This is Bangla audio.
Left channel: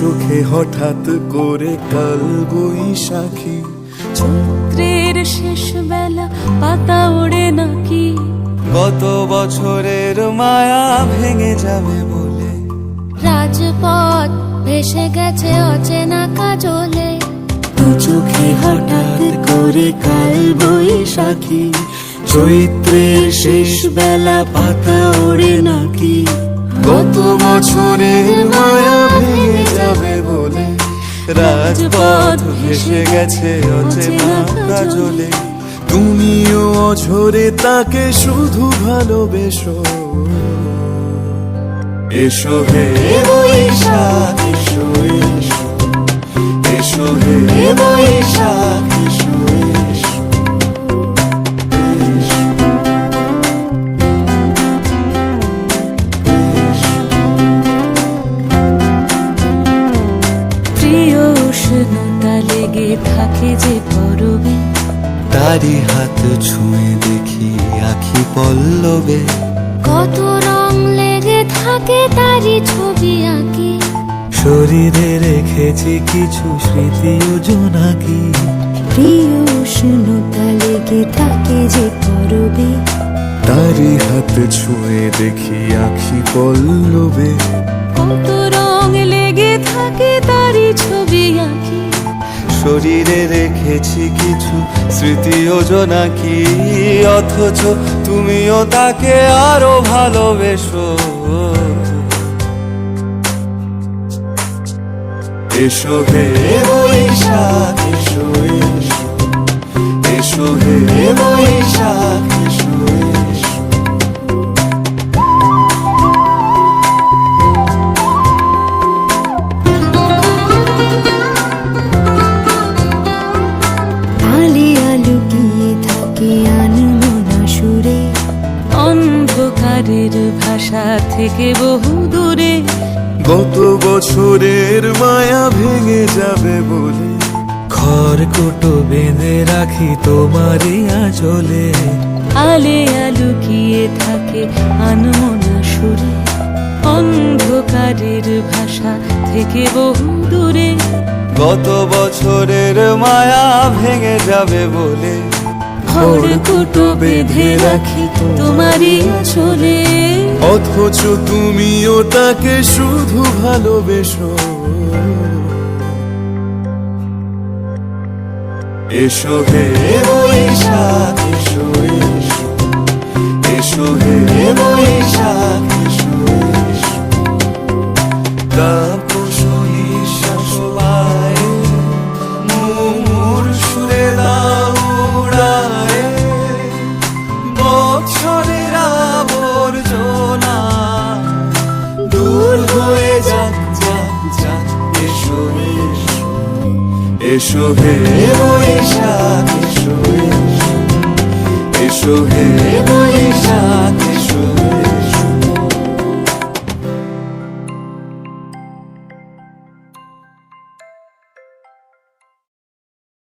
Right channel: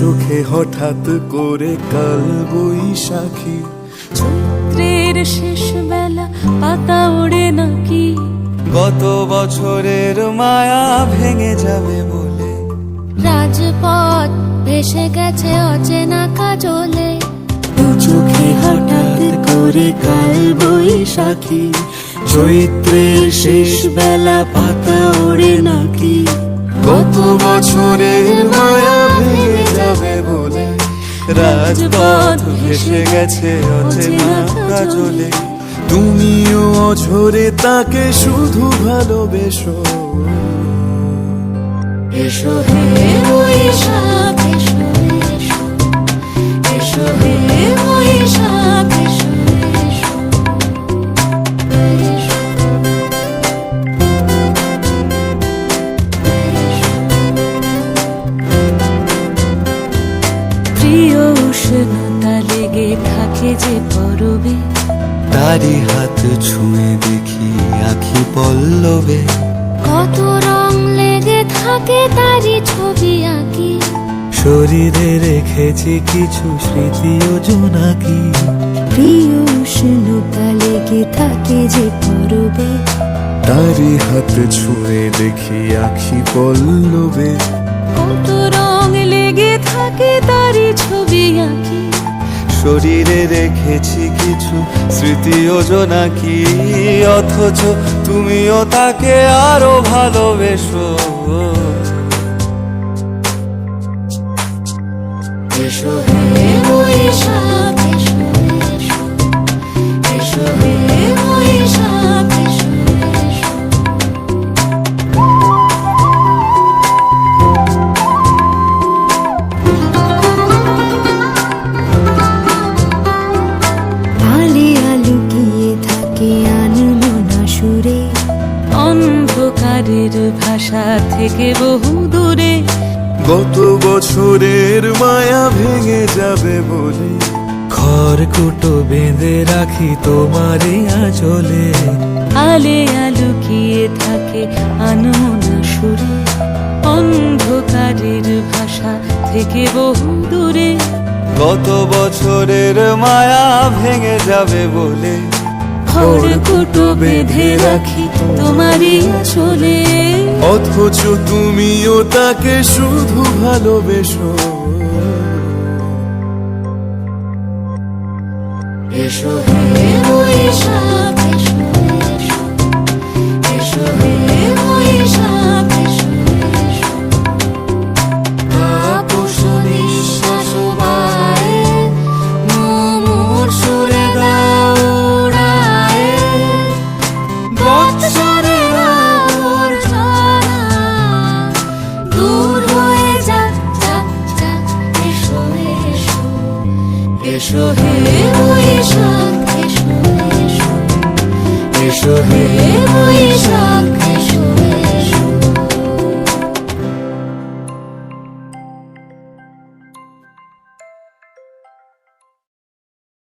চোখে হঠাৎ করে কাল বৈশাখী, চৈত্রের শেষ বেলা পাতা ওড়ে নাকি, গত বছরের মায়া ভেঙে যাবে বলে, রাজপথ ভেসে গেছে অচেনা কাজলে, দু চোখে হঠাৎ করে কাল বৈশাখী, চৈত্রের শেষ বেলা পাতা ওড়ে নাকি, গত বছরের মায়া ভেঙে যাবে বলে, রাজপথ ভেসে গেছে অচেনা কাজলে। তুমিও অঝরে তাকে শুধু ভালোবেসো। এসো হে বৈশাখ এসো, এসো এসো হে বৈশাখ এসো, এসো এসো। প্রিয় উষ্ণতা লেগে থাকে যে পরবে, তারি হাত ছুঁয়ে দেখি আখি পল্লবে, কত রং লেগে থাকে তারই ছবি আঁকি, শরীরে রেখেছি কিছু স্মৃতি ও জোনাকি, প্রিয় উষ্ণতা লেগে থাকে যে পরবে, তারি হাত ছুঁয়ে দেখি আখি পল্লবে, কত রং লেগে থাকে তারই ছবি আঁকি, শরীরে রেখেছি কিছু স্মৃতি ও জোনাকি, অথচ তুমিও তাকে আরো ভালোবেসো। এসো হে বৈশাখ এসো, এসো এসো হে বৈশাখ এসো, এসো। আলিয়া লুকিয়ে থাকে আনমনা সুরে, অন্ধকারের ভাষা থেকে বহু দূরে, গত বছরের মায়া ভেঙে যাবে বলে, খড়কুটো বেঁধে রাখি তোমারই আঁচলে, আলিয়া লুকিয়ে থাকে আনমনা সুরে, অন্ধকারের ভাষা থেকে বহু দূরে, গত বছরের মায়া ভেঙে যাবে বলে, খড়কুটো বেঁধে রাখি তোমারই আঁচলে, অথচ তুমিও তাকে শুধু ভালোবেসো। এসো হে বৈশাখ এসো, এসো এসো হে বৈশাখ এসো, এসো। তাপস নিঃশ্বাস বায়ে, মুমুর সুরে দাও উড়ায়ে, বৎসরের আবর্জনা দূর হয়ে যাক, যাক, যাক। এসো, এসো, এসো হে বৈশাখ এসো, এসো, এসো হে বৈশাখ এসো।